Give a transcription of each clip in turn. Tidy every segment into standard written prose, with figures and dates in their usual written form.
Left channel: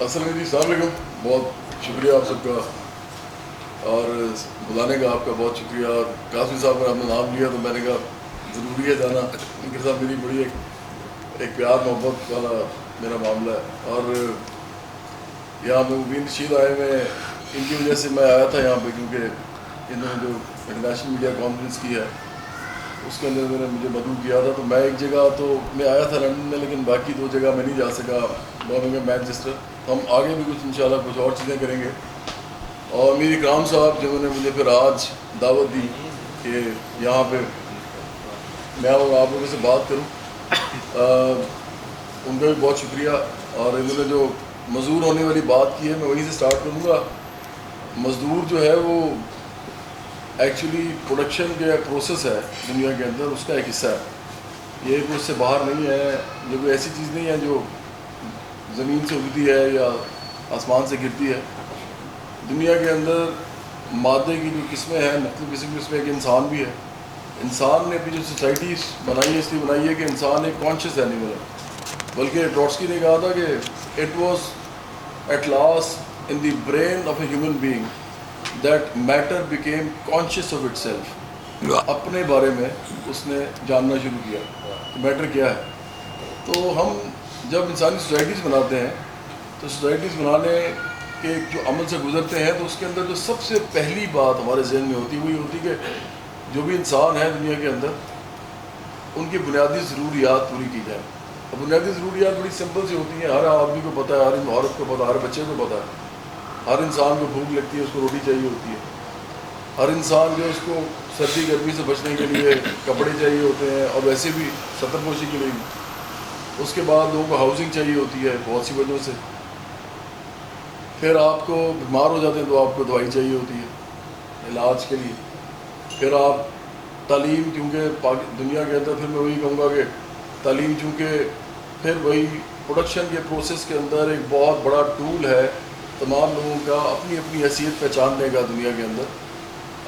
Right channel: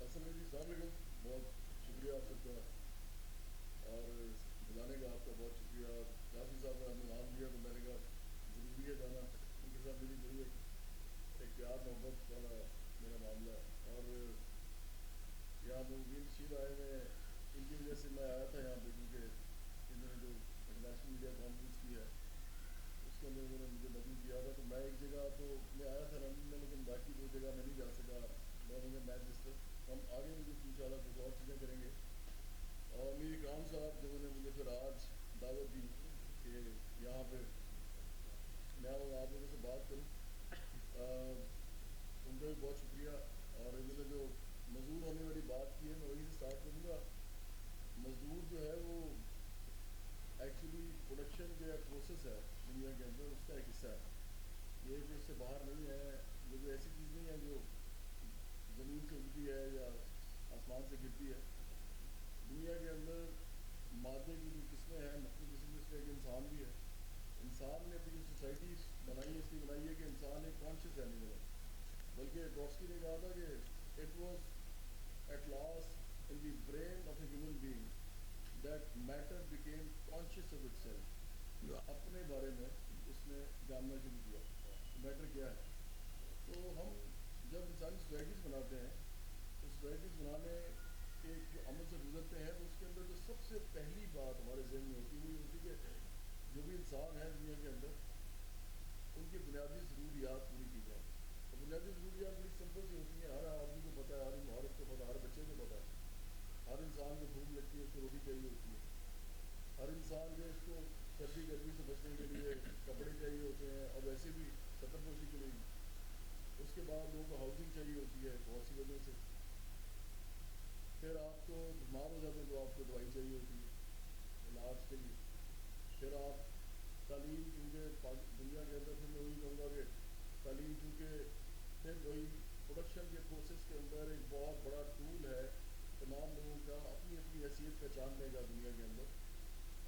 السلام جی، السلام علیکم. بہت شکریہ آپ سب کا اور بلانے کا آپ کا بہت شکریہ. اور قاسمی صاحب نے آپ نے نام لیا تو میں نے کہا ضروری ہے جانا. ان کے ساتھ میری بڑی ایک پیار محبت والا میرا معاملہ ہے. اور یہاں پہ مبین رشید آئے ہوئے ان کی وجہ سے میں آیا تھا یہاں پہ، کیونکہ انہوں نے جو انٹرنیشنل میڈیا کانفرنس کی ہے اس کے اندر انہوں نے مجھے مدعو کیا تھا. تو میں ایک جگہ تو میں آیا تھا لنڈن میں، لیکن باقی 2 جگہ میں نہیں جا سکا، برمنگھم مینچسٹر. ہم آگے بھی کچھ انشاءاللہ کچھ اور چیزیں کریں گے. اور میری اکرام صاحب جنہوں نے مجھے پھر آج دعوت دی کہ یہاں پہ میں اور آپ لوگوں سے بات کروں، ان کا بھی بہت شکریہ. اور انہوں نے جو مزدور ہونے والی بات کی ہے میں وہیں سے سٹارٹ کروں گا. مزدور جو ہے وہ ایکچولی پروڈکشن کے پروسیس ہے دنیا کے اندر، اس کا ایک حصہ ہے. یہ کوئی اس سے باہر نہیں ہے، یہ کوئی ایسی چیز نہیں ہے جو زمین سے اگتی ہے یا آسمان سے گرتی ہے. دنیا کے اندر مادے کی جو قسمیں ہیں مختلف قسم کی، اس میں ایک انسان بھی ہے. انسان نے اپنی جو سوسائٹیز بنائی ہے اس لیے بنائی ہے کہ انسان ایک کانشیس اینیمل ہے. بلکہ ٹروٹسکی نے کہا تھا کہ it was at last in the brain of a human being that matter became conscious of itself. اپنے بارے میں اس نے جاننا شروع کیا کہ میٹر کیا ہے. تو ہم جب انسانی سوسائٹیز بناتے ہیں تو سوسائٹیز بنانے کے جو عمل سے گزرتے ہیں تو اس کے اندر جو سب سے پہلی بات ہمارے ذہن میں ہوتی ہے وہ یہ ہوتی ہے کہ جو بھی انسان ہے دنیا کے اندر ان کی بنیادی ضروریات پوری کی جائیں. اور بنیادی ضروریات بڑی سمپل سی ہوتی ہیں، ہر آدمی کو پتہ ہے، ہر عورت کو پتہ ہے، ہر بچے کو پتہ ہے. ہر انسان کو بھوک لگتی ہے، اس کو روٹی چاہیے ہوتی ہے. ہر انسان جو اس کو سردی گرمی سے بچنے کے لیے کپڑے چاہیے ہوتے ہیں، اور ویسے بھی ستر پوشی کے لیے. اس کے بعد لوگوں کو ہاؤسنگ چاہیے ہوتی ہے بہت سی وجہوں سے. پھر آپ کو بیمار ہو جاتے ہیں تو آپ کو دوائی چاہیے ہوتی ہے علاج کے لیے. پھر آپ تعلیم، کیونکہ دنیا کے اندر پھر میں وہی کہوں گا کہ تعلیم چونکہ پھر وہی پروڈکشن کے پروسیس کے اندر ایک بہت بڑا ٹول ہے تمام لوگوں کا اپنی اپنی حیثیت پہچاننے کا دنیا کے اندر،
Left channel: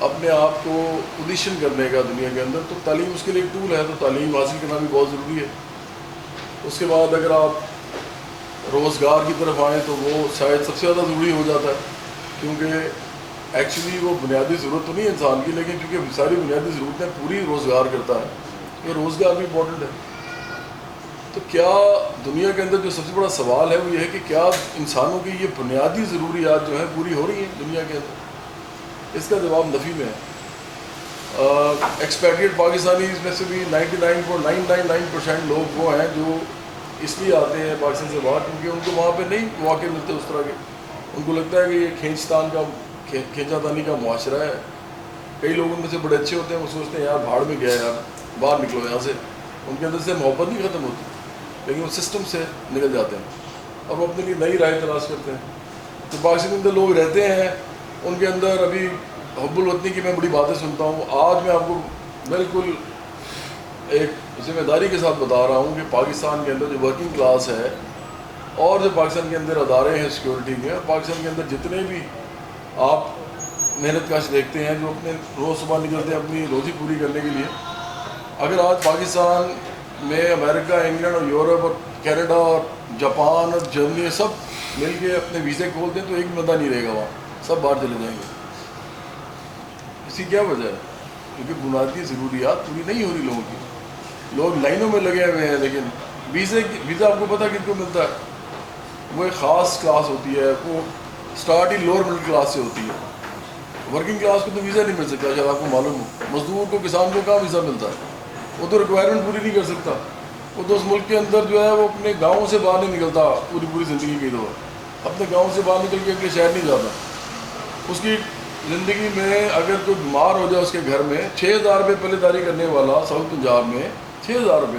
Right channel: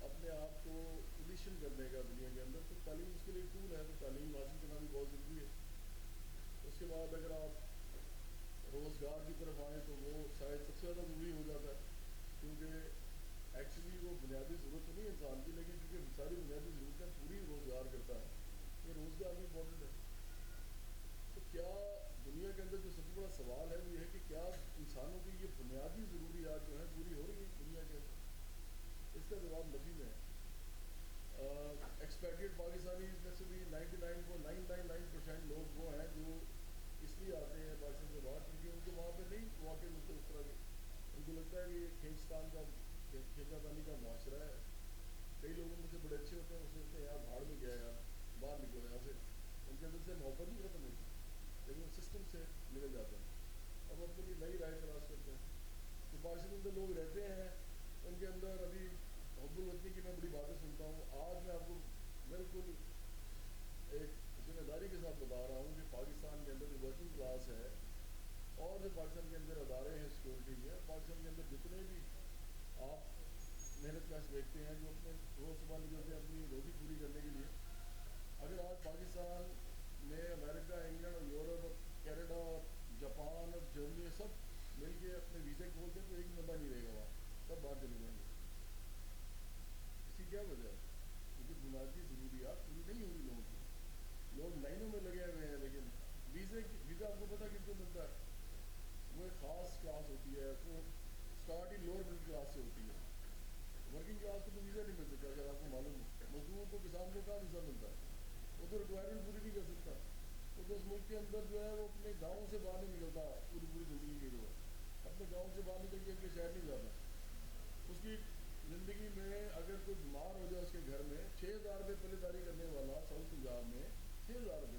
اپنے آپ کو پوزیشن کرنے کا دنیا کے اندر. تو تعلیم اس کے لیے ایک ٹول ہے، تو تعلیم حاصل کرنا بھی بہت ضروری ہے. اس کے بعد اگر آپ روزگار کی طرف آئیں تو وہ شاید سب سے زیادہ ضروری ہو جاتا ہے، کیونکہ ایکچولی وہ بنیادی ضرورت تو نہیں ہے انسان کی، لیکن چونکہ ساری بنیادی ضرورتیں پوری روزگار کرتا ہے، یہ روزگار بھی امپورٹنٹ ہے. تو کیا دنیا کے اندر جو سب سے بڑا سوال ہے وہ یہ ہے کہ کیا انسانوں کی یہ بنیادی ضروریات جو ہیں پوری ہو رہی ہیں دنیا کے اندر؟ اس کا جواب نفی میں ہے. ایکسپیٹریٹ پاکستانیز میں سے بھی 99.999% لوگ وہ ہیں جو اس لیے آتے ہیں پاکستان سے باہر کیونکہ ان کو وہاں پہ نہیں مواقع ملتے اس طرح کے. ان کو لگتا ہے کہ یہ کھینچا تانی کا معاشرہ ہے. کئی لوگ ان میں سے بڑے اچھے ہوتے ہیں، وہ سوچتے ہیں یار بھاڑ میں گیا یار، باہر نکلو یہاں سے. ان کے اندر سے محبت نہیں ختم ہوتی، لیکن وہ سسٹم سے نکل جاتے ہیں اور وہ اپنے لیے نئی رائے تلاش کرتے ہیں. تو پاکستان کے اندر لوگ رہتے ہیں، ان کے اندر ابھی حب الوطنی کی میں بڑی باتیں سنتا ہوں. آج میں آپ کو بالکل ایک ذمہ داری کے ساتھ بتا رہا ہوں کہ پاکستان کے اندر جو ورکنگ کلاس ہے اور جو پاکستان کے اندر ادارے ہیں سیکورٹی کے، پاکستان کے اندر جتنے بھی آپ محنت کش دیکھتے ہیں جو اپنے روز صبح نکلتے ہیں اپنی روزی پوری کرنے کے لیے، اگر آج پاکستان میں امریکہ، انگلینڈ اور یورپ اور کینیڈا اور جاپان اور جرمنی سب مل کے اپنے ویزے کھول دیں تو ایک بندہ نہیں رہے گا وہاں، سب باہر چلے جائیں گے. اس کی کیا وجہ ہے؟ کیونکہ بنیادی ضروریات پوری نہیں ہو رہی لوگوں کی. لوگ لائنوں میں لگے ہوئے ہیں، لیکن ویزا آپ کو پتہ کن کو ملتا ہے؟ وہ ایک خاص کلاس ہوتی ہے، وہ سٹارٹ ہی لوور مڈل کلاس سے ہوتی ہے. ورکنگ کلاس کو تو ویزا نہیں مل سکتا، شاید آپ کو معلوم ہو. مزدور کو، کسان کو کہاں ویزا ملتا ہے؟ وہ تو ریکوائرمنٹ پوری نہیں کر سکتا. وہ تو اس ملک کے اندر جو ہے وہ اپنے گاؤں سے باہر نہیں نکلتا پوری زندگی کی دور، اپنے گاؤں سے باہر نکل کے اگلے شہر نہیں جاتا. اس کی زندگی میں اگر کوئی بیمار ہو جائے اس کے گھر میں 6,000 روپے پلے داری کرنے والا ساؤتھ پنجاب میں 6,000 روپے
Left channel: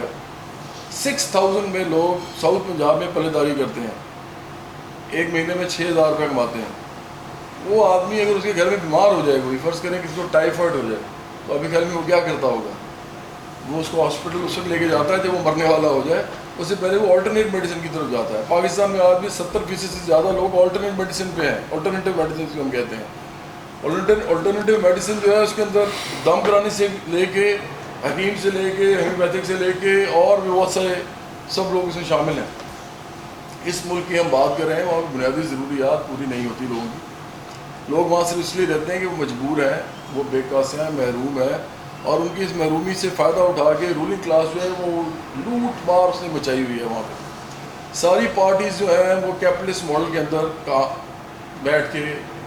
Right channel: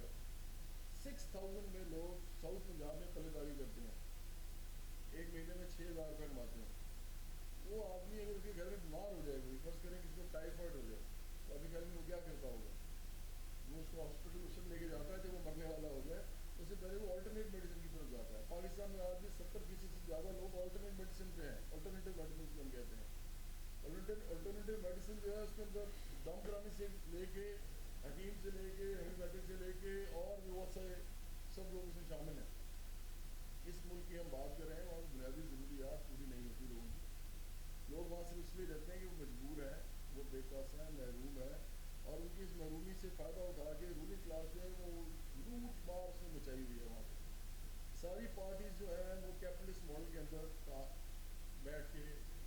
6,000 میں لوگ ساؤتھ پنجاب میں پلے داری کرتے ہیں، ایک مہینے میں 6,000 روپے کماتے ہیں. وہ آدمی اگر اس کے گھر میں بیمار ہو جائے کوئی، فرض کریں کسی کو ٹائیفائڈ ہو جائے تو ابھی خیال میں وہ کیا کرتا ہوگا؟ وہ اس کو ہاسپٹل اس وقت لے کے جاتا ہے جب وہ مرنے والا ہو جائے، اس سے پہلے وہ آلٹرنیٹ میڈیسن کی طرف جاتا ہے. پاکستان میں آج بھی 70% سے زیادہ لوگ آلٹرنیٹ میڈیسن پہ ہیں. آلٹرنیٹیو میڈیسن کو ہم کہتے ہیں. آلٹرنیٹیو میڈیسن جو ہے اس کے اندر دم کرانے سے لے کے، حکیم سے لے کے، ہومیوپیتھک سے لے کے اور بھی بہت سارے سب لوگ اس میں شامل ہیں. اس ملک کی ہم بات کر رہے ہیں وہاں بنیادی ضروریات پوری نہیں ہوتی لوگوں کی. لوگ وہاں صرف اس لیے رہتے ہیں کہ وہ مجبور ہیں, وہ بے قاص ہیں, محروم ہیں, اور ان کی اس محرومی سے فائدہ اٹھا کے رولنگ کلاس جو ہے وہ لوٹ مار اس نے مچائی ہوئی ہے وہاں پہ. ساری پارٹیز جو ہیں وہ کیپٹلسٹ ماڈل کے اندر بیٹھ کے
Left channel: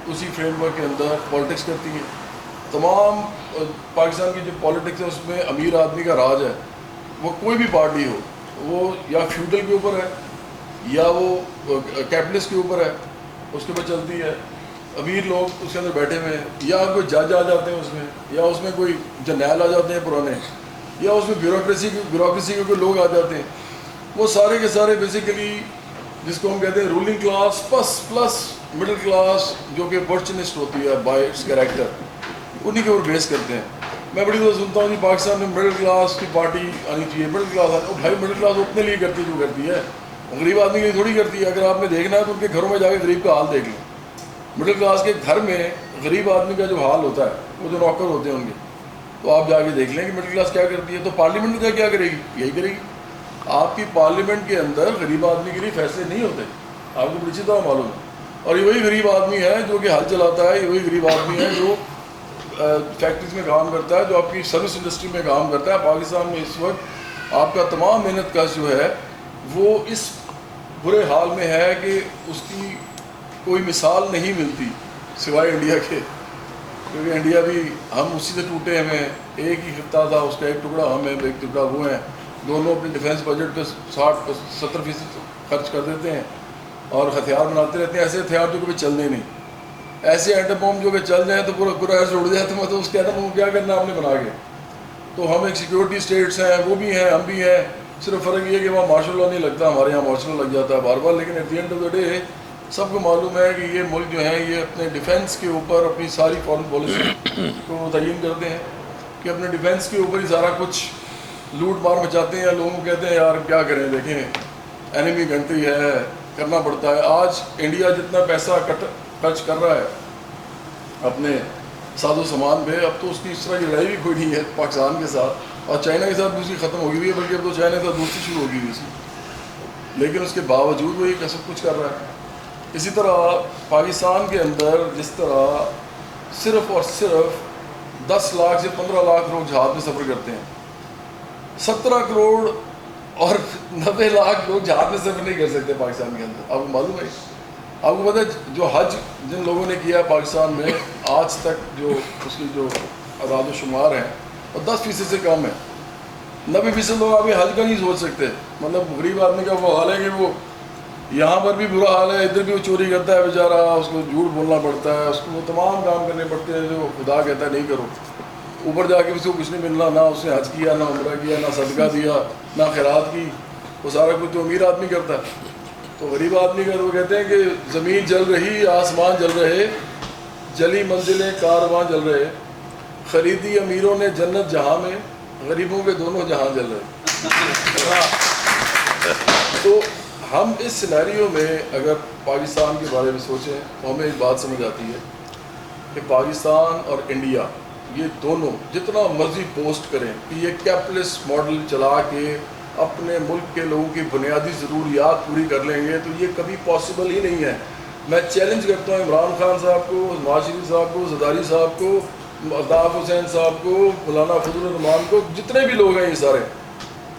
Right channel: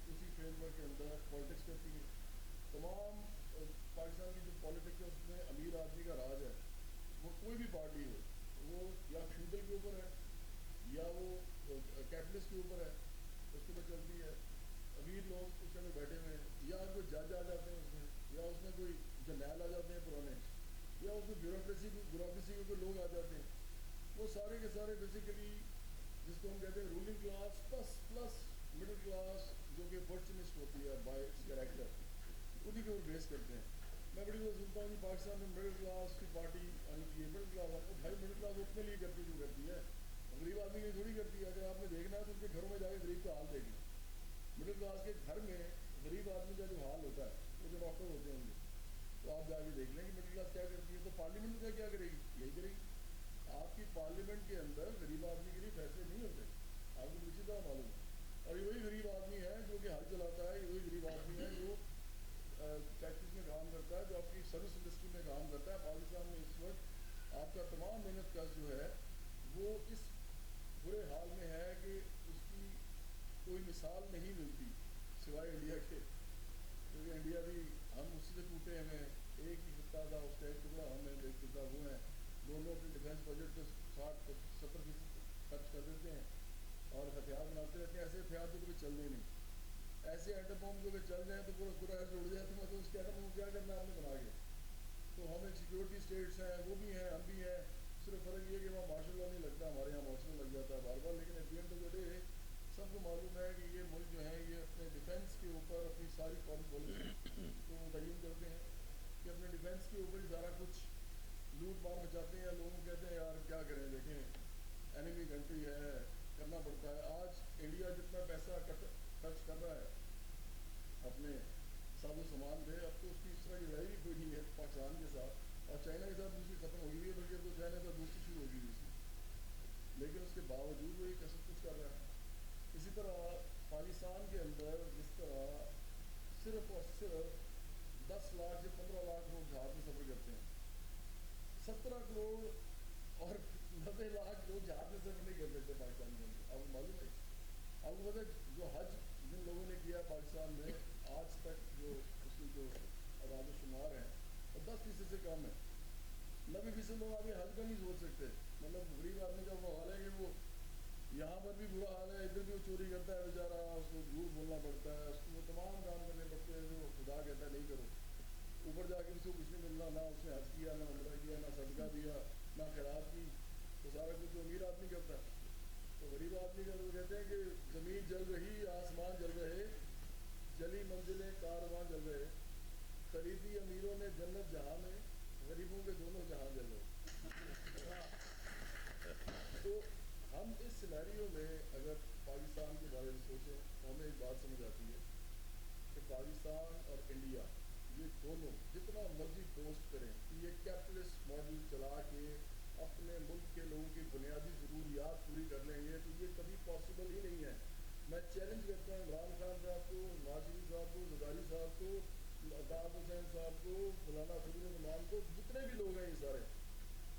اسی فریم ورک کے اندر پالیٹکس کرتی ہیں. تمام پاکستان کی جو پالیٹکس ہے اس میں امیر آدمی کا راج ہے. وہ کوئی بھی پارٹی ہو, وہ یا فیوڈل کے اوپر ہے یا وہ کیپٹلسٹ کے اوپر ہے, اس کے اوپر چلتی ہے. امیر لوگ اس کے اندر بیٹھے ہوئے ہیں, یا کوئی جج آ جاتے ہیں اس میں, یا اس میں کوئی جرنیل آ جاتے ہیں پرانے, یا اس میں بیوروکریسی کے کوئی لوگ آ جاتے ہیں. وہ سارے کے سارے بیسیکلی جس کو ہم کہتے ہیں ruling class plus middle class, جو کہ اپورچونسٹ ہوتی ہے بائی اٹس کریکٹر, انہی کے اوپر بیس کرتے ہیں. میں بڑی دفعہ سنتا ہوں کہ پاکستان میں مڈل کلاس کی پارٹی آنی چاہیے. مڈل کلاس بھائی مڈل کلاس اپنے لیے کرتی جو کرتی ہے, غریب آدمی کے لیے تھوڑی کرتی ہے. اگر آپ نے دیکھنا ہے تو ان کے گھروں میں جا کے غریب کا حال دیکھ لیں. مڈل کلاس کے گھر میں غریب آدمی کا جو حال ہوتا ہے, وہ جو نوکر ہوتے ہیں ان کے, تو آپ جا کے دیکھ لیں کہ مڈل کلاس کیا کرتی ہے. تو پارلیمنٹ میں کیا کرے گی, یہی کرے گی. آپ کی پارلیمنٹ کے اندر غریب آدمی کے لیے فیصلے نہیں ہوتے, آپ کو بڑی اچھی طرح معلوم ہے. اور یہ وہی غریب آدمی ہے جو کہ ہل چلاتا ہے, یہ وہی غریب آدمی ہے جو فیکٹریز میں کام کرتا ہے, جو آپ کی سروس انڈسٹری میں کام کرتا ہے. پاکستان میں اس وقت آپ کا تمام محنت کا جو ہے وہ اس برے حال میں ہے کہ اس کی کوئی مثال نہیں ملتی سوائے انڈیا کے, کیونکہ انڈیا بھی ہم اسی سے ٹوٹے ہیں. ایک ہی خطہ تھا, اس کا ایک ٹکڑا ہم ہیں, ایک ٹکڑا وہ ہیں. دونوں اپنے ڈیفینس بجٹ پہ 60-70% خرچ کر دیتے ہیں اور ہتھیار بناتے رہتے ہیں. ایسے ہتھیار جو کبھی چلنے نہیں, ایسے ایٹم بم جو کہ چل جائیں تو پورا ایسے اڑ جائے. تو میں تو اس کے ایٹم بم کیا کرنا ہم نے بنا کے. تو ہم ایک سیکورٹی اسٹیٹس ہیں, وہ بھی ہیں, ہم بھی ہیں. صرف فرق یہ ہے کہ وہاں مارشل لا نہیں لگتا, ہمارے یہاں مارشل لا لگ جاتا ہے بار بار. لیکن at the end of the day سب کو معلوم ہے کہ یہ ملک جو ہے یہ اپنے ڈیفینس کے اوپر اپنی ساری فارن پالیسی کو متعین کرتے ہیں کہ اپنے ڈیفینس کے اوپر ہی سارا کچھ لوٹ مار مچاتے ہیں. لوگوں کو کہتے ہیں یار کیا کریں, دیکھیں اینیمی کنٹری ہے, کرنا پڑتا ہے. آج انڈیا جتنا پیسہ خرچ کر رہا ہے اپنے ساز و سامان پہ, اب تو اس کی اس طرح کی لڑائی بھی کوئی نہیں ہے پاکستان کے ساتھ, اور چائنا کے ساتھ دوسری ختم ہوگی ہوئی ہے, بلکہ اب تو چائنا کے ساتھ دوسری شروع ہوگی ہوئی تھی. لیکن اس کے باوجود وہ یہ سب کچھ کر رہا ہے. اسی طرح پاکستان کے اندر جس طرح صرف اور صرف 10 لاکھ سے 15 لاکھ لوگ جہاز میں سفر کرتے ہیں, 17 کروڑ اور 90 لاکھ لوگ جہاز میں سفر نہیں کر سکتے پاکستان کے اندر. آپ کو معلوم ہے, آپ کو پتہ ہے جو حج جن لوگوں نے کیا پاکستان میں آج تک جو اس کی جو اعداد و شمار ہیں وہ 10% سے کم ہے. 90% لوگ آپ حج کا نہیں سوچ سکتے. مطلب غریب آدمی کا وہ حال ہے کہ وہ یہاں پر بھی برا حال ہے, ادھر بھی وہ چوری کرتا ہے بیچارہ, اس کو جھوٹ بولنا پڑتا ہے, اس کو وہ تمام کام کرنے پڑتے ہیں جو خدا کہتا ہے نہیں کرو. اوپر جا کے اس کو کچھ نہیں ملنا, نہ اس نے حج کیا, نہ عمرہ کیا, نہ صدقہ دیا, نہ خیرات کی. وہ سارا کچھ تو امیر آدمی کرتا ہے. تو غریب آدمی کا وہ کہتے ہیں کہ زمین جل رہی, آسمان جل رہے, جلی منزلیں کارواں جل رہے, خریدی امیروں نے جنت جہاں میں, غریبوں کے دونوں جہاں جل رہے. تو ہم اس سینیریو میں اگر پاکستان کے بارے میں سوچیں تو ہمیں ایک بات سمجھ آتی ہے کہ پاکستان اور انڈیا یہ دونوں جتنا مرضی پوسٹ کریں کہ یہ کیپٹلسٹ ماڈل چلا کے اپنے ملک کے لوگوں کی بنیادی ضروریات پوری کر لیں گے, تو یہ کبھی پاسبل ہی نہیں ہے. میں چیلنج کرتا ہوں عمران خان صاحب کو, نواز شریف صاحب کو, زرداری صاحب کو, الطاف حسین صاحب کو, مولانا فضل الرحمان کو, جتنے بھی لوگ ہیں یہ سارے,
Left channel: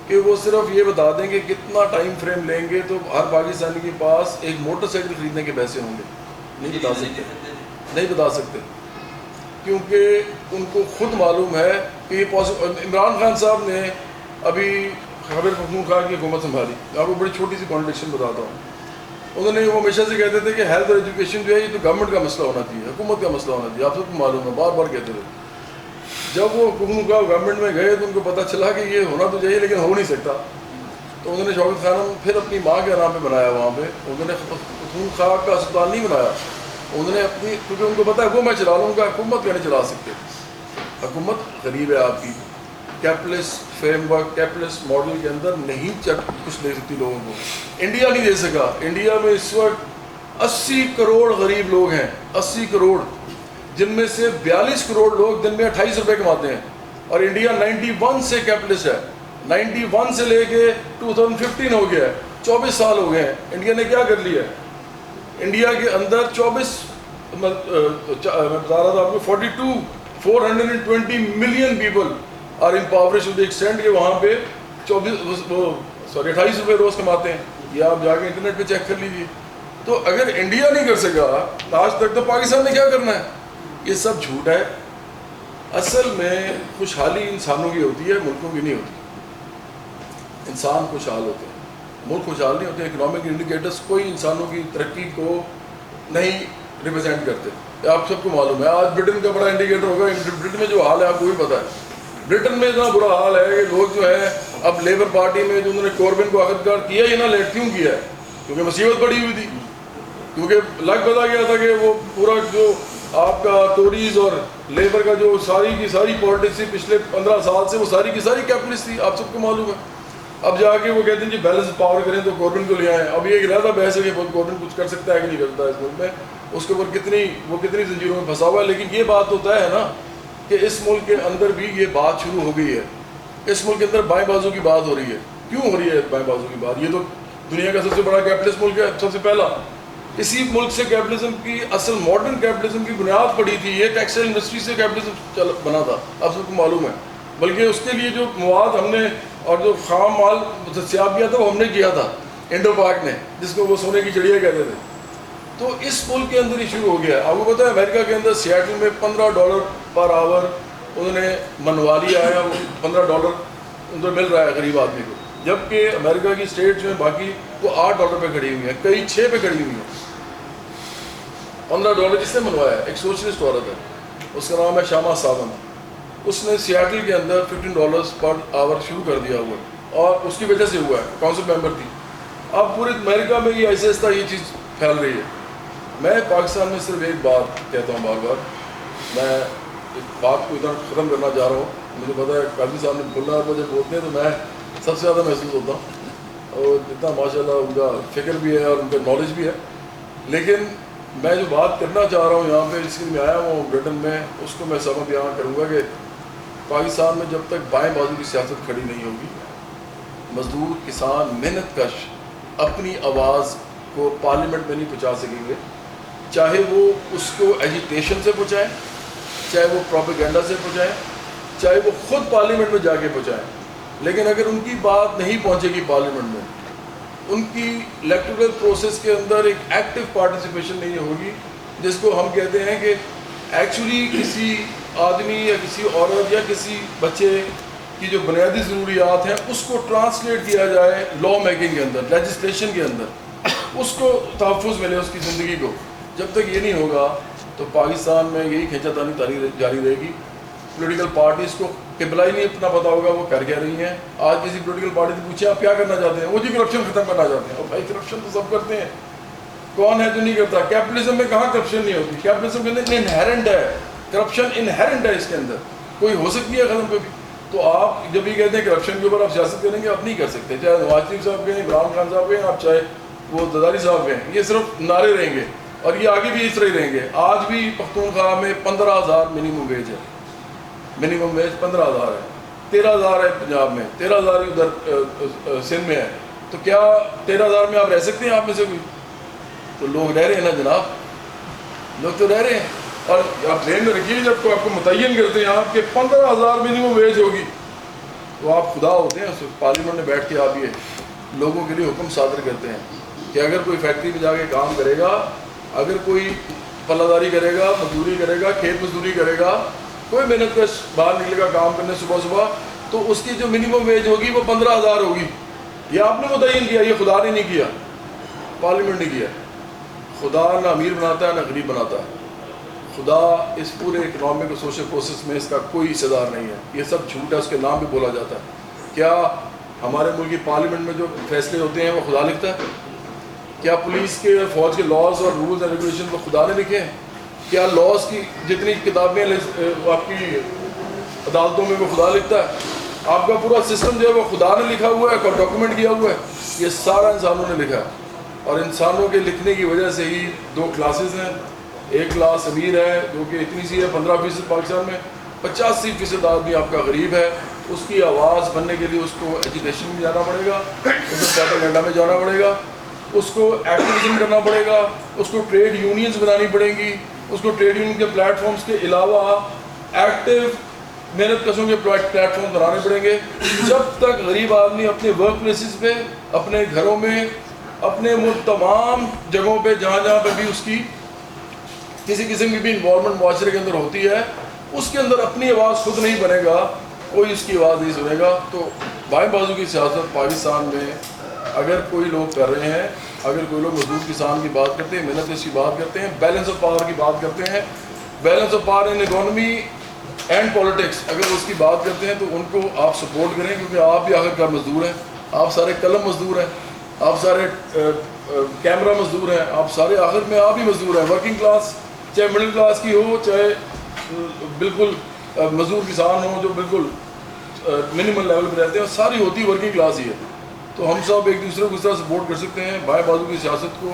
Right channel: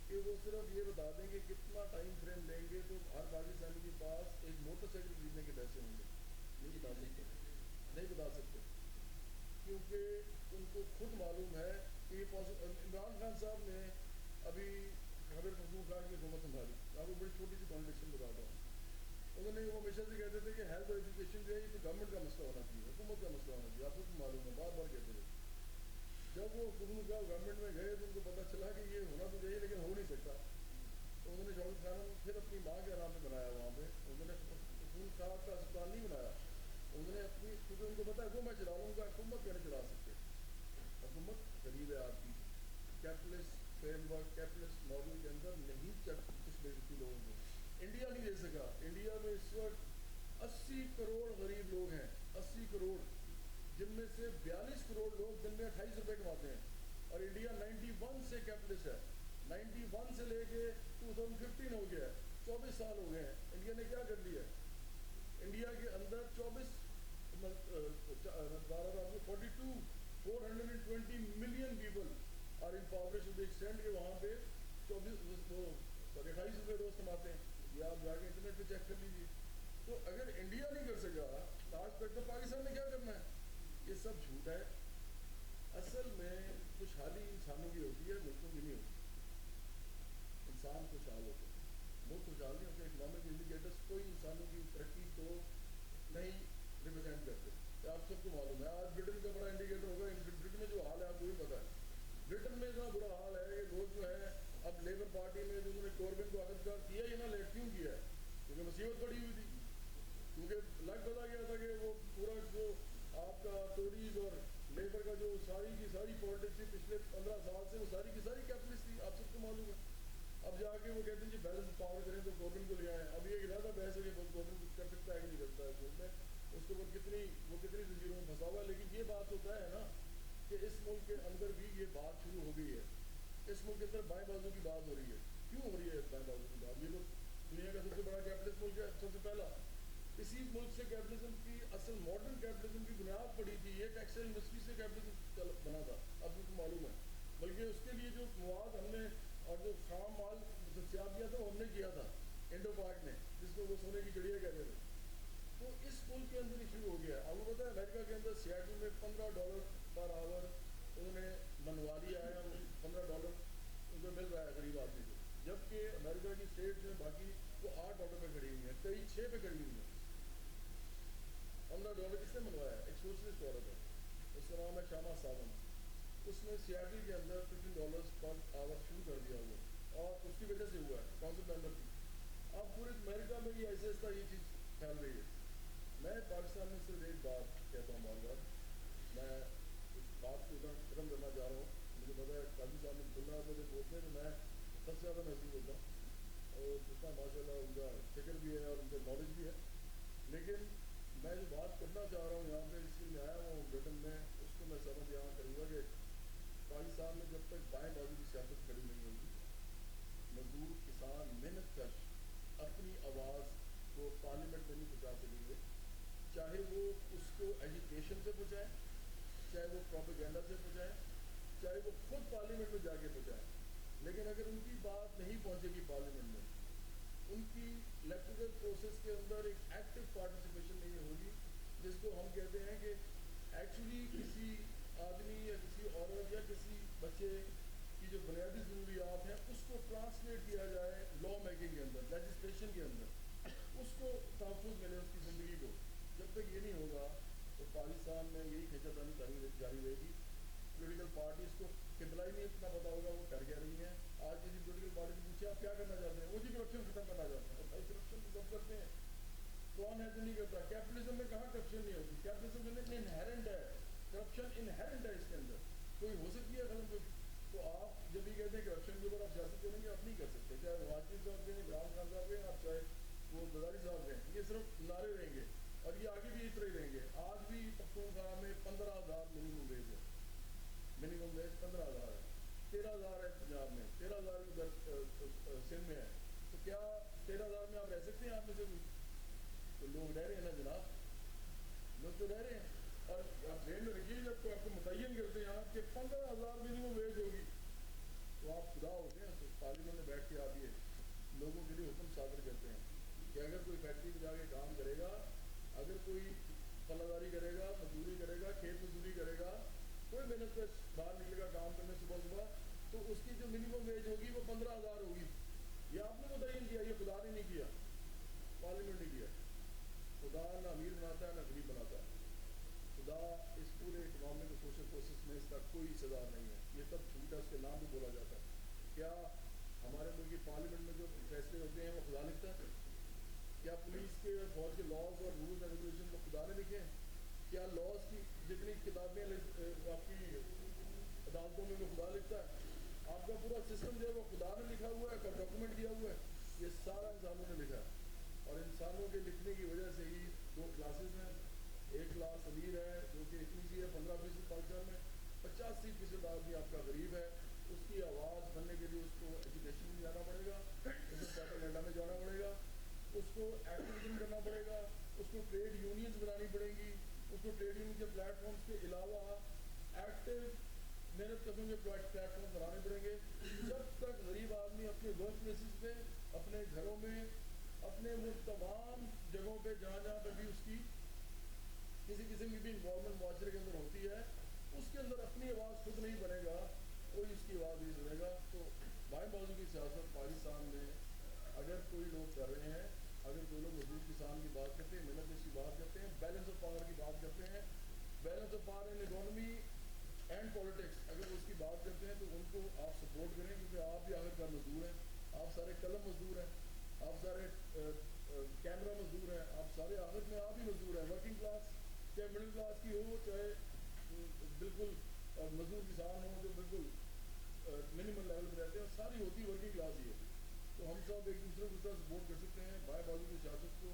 کہ وہ صرف یہ بتا دیں کہ کتنا ٹائم فریم لیں گے تو ہر پاکستانی کے پاس ایک موٹر سائیکل خریدنے کے پیسے ہوں گے. نہیں بتا سکتے کیونکہ ان کو خود معلوم ہے کہ یہ عمران خان صاحب نے ابھی خیبر پختونخوا کی حکومت سنبھالی. آپ کو بڑی چھوٹی سی کانٹریڈکشن بتاتا ہوں. انہوں نے وہ ہمیشہ سے کہتے تھے کہ ہیلتھ اور ایجوکیشن جو ہے یہ تو گورنمنٹ کا مسئلہ ہونا چاہیے, حکومت کا مسئلہ ہونا چاہیے. آپ سب کو معلوم ہے, بار بار کہتے تھے. جب وہ پختونخوا گورنمنٹ میں گئے تو ان کو پتہ چلا کہ یہ ہونا تو چاہیے لیکن ہو نہیں سکتا. تو انہوں نے شوکت خانم پھر اپنی ماں کے نام پہ بنایا. وہاں پہ انہوں نے پختونخوا کا اسپتال نہیں بنایا, انہوں نے اپنی, کیونکہ ان کو پتہ ہے وہ میں چلا لوں گا, حکومت کیا نہیں چلا سکتے. حکومت غریب ہے آپ کی, capitalist frame work capitalist model کے اندر نہیں کچھ دے سکتی لوگوں کو. انڈیا نہیں دے سکا. انڈیا میں اس وقت 80 کروڑ غریب لوگ ہیں, 80 کروڑ, جن میں سے 42 کروڑ لوگ دن میں 28 روپے کماتے ہیں. اور انڈیا 91 سے کیپٹلسٹ ہے, 91 سے لے کے 2015 ہو گیا ہے. 24 سال ہو گئے ہیں. انڈیا نے کیا کر لیا ہے؟ انڈیا کے اندر 24 میں بتا رہا تھا آپ کو 420 million people are empowered to the extent کہ وہاں پہ 28 روپے روز کماتے ہیں. یہ آپ جا کے انٹرنیٹ پہ چیک کر لیجیے. تو اگر انڈیا نہیں کر سکا آج تک تو پاکستان نے کیا کرنا ہے؟ یہ سب جھوٹ ہے. اصل میں خوشحالی انسانوں کی ہوتی ہے, ملکوں کی نہیں ہوتی. انسان خوشحال ہوتے ہیں, ملک خوشحال نہیں ہوتے. اکنامک انڈیکیٹرز کوئی انسانوں کی ترقی کو نہیں ریپرزینٹ کرتے. آپ سب کو معلوم ہے آج برٹن کا بڑا انڈیکیٹر ہوگا. برٹن میں جو حال ہے آپ کو بھی پتہ ہے. برٹن میں اتنا برا حال ہے کہ لوگ جو ہے اب لیبر پارٹی میں جو انہوں نے کوربن کو آخرکار کیا ہی نہ لیٹ کیوں کیا ہے؟ کیونکہ مصیبت پڑی ہوئی تھی, کیونکہ لگ پتا گیا تھا کہ وہ پورا جو آپ کا ٹوریز اور لیبر کا جو ساری کی ساری پالیٹکس تھی پچھلے 15 سال سے, وہ ساری کی ساری کیپٹلسٹ تھی. آپ سب کو معلوم ہے. اب جا کے وہ کہتے ہیں جی بیلنس پاور کریں تو کوربن کو لے آئیں. اب یہ ایک رہتا بحث ہے کہ کوربن کچھ کر سکتا ہے کہ نہیں کرتا ہے اس ملک میں, اس کے اوپر کتنی زنجیروں میں پھنسا ہوا ہے. لیکن یہ بات تو طے ہے نا کہ اس ملک کے اندر بھی یہ بات شروع ہو گئی ہے. اس ملک کے اندر بائیں بازو کی بات ہو رہی ہے. کیوں ہو رہی ہے بائیں بازو کی بات؟ یہ تو دنیا کا سب سے بڑا کیپٹلسٹ ملک ہے. سب سے پہلا اسی ملک سے کیپٹلزم کی اصل ماڈرن کیپٹلزم کی بنیاد پڑی تھی. یہ ٹیکسٹائل انڈسٹری سے کیپٹلزم بنا تھا, آپ سب کو معلوم ہے. بلکہ اس کے لیے جو مواد ہم نے اور جو خام مال دستیاب کیا تھا وہ ہم نے کیا تھا انڈو پاک نے, جس کو وہ سونے کی چڑیا کہتے تھے. تو اس ملک کے اندر ہی شروع ہو گیا. آپ کو پتہ ہے امریکہ کے اندر سیاٹل میں $15 پر آور انہوں نے منوا لیا ہے. وہ $15 ان کو مل رہا ہے غریب آدمی کو, جبکہ امریکہ کی اسٹیٹ جو ہے باقی وہ $8 پہ کھڑی ہوئی ہیں, کئی 6 پہ کھڑی ہوئی ہیں. $15 کس نے منوایا ہے؟ ایک سوشلسٹ عورت ہے, اس کا نام ہے شامہ ساونت. اس نے سیاٹل کے اندر $15 پر آور شروع کر دیا ہوا, اور اس کی وجہ سے ہوا ہے, کونسل ممبر تھی. اب پورے امریکہ میں یہ ایسے ایسا یہ چیز پھیل رہی ہے. میں پاکستان میں صرف ایک بات کہتا ہوں بار بار, میں اس بات کو ادھر ختم کرنا چاہ رہا ہوں. مجھے پتا ہے قاضی صاحب نے بولنا, اور مجھے بولتے ہیں تو میں سب سے زیادہ محسوس ہوتا ہوں, اور اتنا ماشاء اللہ ان کا فکر بھی ہے اور ان کا نالج بھی ہے. لیکن میں جو بات کرنا چاہ رہا ہوں یہاں پہ اس کے لیے آیا ہوں برٹن میں, اس کو میں سبب بیان کروں گا کہ پاکستان میں جب تک بائیں بازو کی سیاست کھڑی نہیں ہوگی, مزدور کسان محنت کش اپنی آواز کو پارلیمنٹ میں نہیں پہنچا سکیں گے. چاہے وہ اس کو ایجیٹیشن سے پہنچائیں, چاہے وہ پروپیگنڈا سے پہنچائیں, چاہے وہ خود پارلیمنٹ میں جا کے پہنچائیں. لیکن اگر ان کی بات نہیں پہنچے گی پارلیمنٹ میں, ان کی الیکٹورل پروسیس کے اندر ایک ایکٹیو پارٹیسپیشن نہیں ہوگی, جس کو ہم کہتے ہیں کہ ایکچولی کسی آدمی یا کسی عورت یا کسی بچے کی جو بنیادی ضروریات ہیں اس کو ٹرانسلیٹ کیا جائے لا میکنگ کے اندر, لیجسلیشن کے اندر, اس کو تحفظ ملے اس کی زندگی کو. جب تک یہ نہیں ہوگا تو پاکستان میں یہی کھینچا تانی جاری رہے گی. پولیٹیکل پارٹیز کو قبلہ ہی نہیں اتنا پتا ہوگا وہ کر کیا رہی ہیں. آج کسی پولیٹیکل پارٹی سے پوچھیں آپ کیا کرنا چاہتے ہیں, وہ جی کرپشن ختم کرنا چاہتے ہیں. اور بھائی کرپشن تو سب کرتے ہیں, کون ہے جو نہیں کرتا؟ کیپٹلزم میں کہاں کرپشن نہیں ہوتی؟ کیپٹلزم کے اندر انہیرنٹ ہے کرپشن, انہیرنٹ ہے اس کے اندر, کوئی ہو سکتی ہے ختم کبھی. تو آپ جب یہ کہتے ہیں کرپشن کے اوپر آپ سیاست کریں گے, آپ نہیں کر سکتے. چاہے نواز شریف صاحب کہیں, عمران خان صاحب کہیں, آپ چاہے وہ زرداری صاحب کہیں, یہ صرف نعرے رہیں گے اور یہ آگے بھی اس طرح ہی رہیں گے. آج بھی پختونخوا میں 15,000 منیمم ویج ہے, منیمم ویج 15,000 ہے. 13,000 ہے پنجاب میں, 13,000 ہی ادھر سندھ میں ہے. تو کیا 13,000 میں آپ رہ سکتے ہیں آپ میں سے کوئی؟ تو لوگ رہ رہے ہیں نا جناب, لوگ تو رہ رہے ہیں. اور آپ ذہن میں رکھیے جب کو آپ کو متعین کرتے ہیں آپ کہ 15,000 منیمم ویج ہوگی, تو آپ خدا ہوتے ہیں. پارلیمنٹ میں بیٹھ کے آپ یہ لوگوں کے لیے حکم صادر کرتے ہیں کہ اگر کوئی فیکٹری میں جا کے کام کرے گا, اگر کوئی پلہ داری کرے گا, مزدوری کرے گا, کھیت مزدوری کرے گا, کوئی محنت کش باہر نکلے گا کام کرنے صبح صبح, تو اس کی جو منیمم ویج ہوگی وہ 15,000 ہوگی. یہ آپ نے متعین کیا, یہ خدا نے نہیں کیا, پارلیمنٹ نے کیا. خدا نہ امیر بناتا ہے نہ غریب بناتا ہے. خدا اس پورے اکنامک اور سوشل پروسیس میں اس کا کوئی حصہ دار نہیں ہے. یہ سب جھوٹ ہے, اس کے نام پہ بولا جاتا ہے. کیا ہمارے ملک کی پارلیمنٹ میں جو فیصلے ہوتے ہیں وہ خدا لکھتا ہے؟ کیا پولیس کے فوج کے لاز اور رولز اینڈ ریگولیشن کو خدا نے لکھے ہیں؟ کیا لاز کی جتنی کتابیں آپ کی عدالتوں میں وہ خدا لکھتا ہے؟ آپ کا پورا سسٹم جو ہے وہ خدا نے لکھا ہوا ہے, ڈاکومنٹ کیا ہوا ہے. یہ سارا انسانوں نے لکھا ہے, اور انسانوں کے لکھنے کی وجہ سے ہی 2 کلاسز ہیں. ایک کلاس امیر ہے جو کہ اتنی سی ہے 15% پاکستان میں, 85% آدمی آپ کا غریب ہے. اس کی آواز بننے کے لیے اس کو ایجوکیشن میں جانا پڑے گا, اس کو پروپیگنڈا میں جانا پڑے گا, اس کو ایکٹیویزم کرنا پڑے گا, اس کو ٹریڈ یونینز بنانی پڑیں گی, اس کو ٹریڈ یونین کے پلیٹ فارمز کے علاوہ ایکٹیو محنت کشوں کے پلیٹ فارم بنانے پڑیں گے. جب تک غریب آدمی اپنے ورک پلیسز پہ, اپنے گھروں میں, اپنے تمام جگہوں پہ جہاں پہ بھی اس کی کسی قسم کی بھی انوالومنٹ معاشرے کے اندر ہوتی ہے, اس کے اندر اپنی آواز خود نہیں بنے گا, کوئی اس کی آواز نہیں سنے گا. تو بائیں بازو کی سیاست پاکستان میں اگر کوئی لوگ کر رہے ہیں, اگر کوئی لوگ مزدور کسان کی بات کرتے ہیں, محنت کش کی بات کرتے ہیں, بیلنس آف پاور کی بات کرتے ہیں, balance of power in economy and politics, اگر اس کی بات کرتے ہیں تو ان کو آپ سپورٹ کریں, کیونکہ آپ بھی آخر کار مزدور ہیں, آپ سارے قلم مزدور ہیں, آپ سارے کیمرہ مزدور ہیں, آپ سارے آخر میں آپ ہی مزدور ہیں. ورکنگ کلاس چاہے مڈل کلاس کی ہو, چاہے بالکل مزدور کسان ہو جو بالکل منیمل لیول پہ رہتے ہیں, ساری ہوتی ورکنگ کلاس ہی ہے. تو ہم سب ایک دوسرے کو اس طرح سپورٹ کر سکتے ہیں. بائیں بازو کی سیاست کو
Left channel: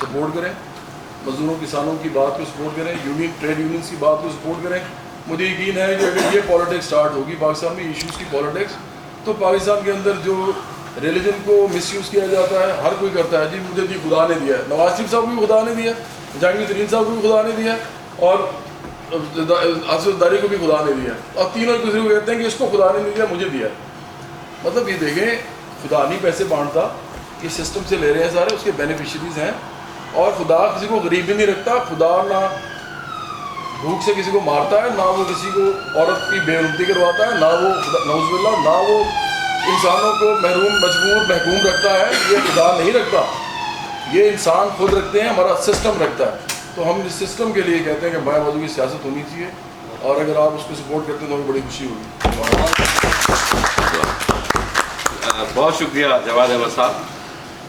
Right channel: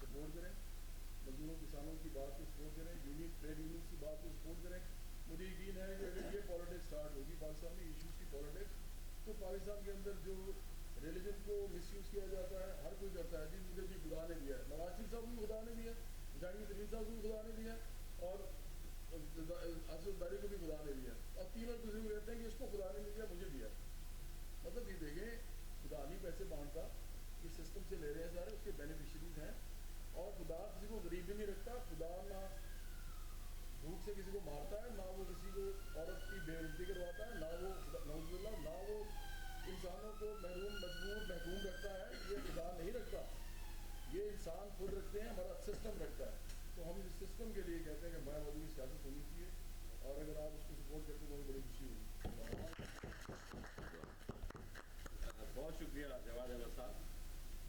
سپورٹ کریں, مزدوروں کسانوں کی بات کو سپورٹ کریں, ٹریڈ یونینس کی بات کو سپورٹ کریں. مجھے یقین ہے کہ اگر یہ پالیٹکس سٹارٹ ہوگی پاکستان میں, ایشوز کی پالیٹکس, تو پاکستان کے اندر جو ریلیجن کو مس یوز کیا جاتا ہے, ہر کوئی کرتا ہے, جی مجھے جی خدا نے دیا ہے, نواز شریف صاحب کو بھی خدا نے دیا, جہانگیر ترین صاحب کو بھی خدا نے دیا, اور آصف داری کو بھی خدا نے دیا, اور تینوں ایک دوسرے کو کہتے ہیں کہ اس کو خدا نے نہیں دیا, مجھے دیا. مطلب یہ دیکھیں, خدا نہیں پیسے بانٹتا, یہ سسٹم سے لے رہے ہیں سارے, اس کے بینیفیشریز ہیں. اور خدا کسی کو غریب بھی نہیں رکھتا, خدا نہ بھوک سے کسی کو مارتا ہے, نہ وہ کسی کو عورت کی بے عزتی کرواتا ہے, نہ وہ نعوذ باللہ, نہ وہ انسانوں کو محروم مجبور محکوم رکھتا ہے. یہ خدا نہیں رکھتا, یہ انسان خود رکھتے ہیں, ہمارا سسٹم رکھتا ہے. تو ہم اس سسٹم کے لیے کہتے ہیں کہ بائیں بازو کی سیاست ہونی چاہیے, اور اگر آپ اس کو سپورٹ کرتے ہیں تو ہمیں بڑی خوشی ہوگی. بہت شکریہ جواد احمد صاحب.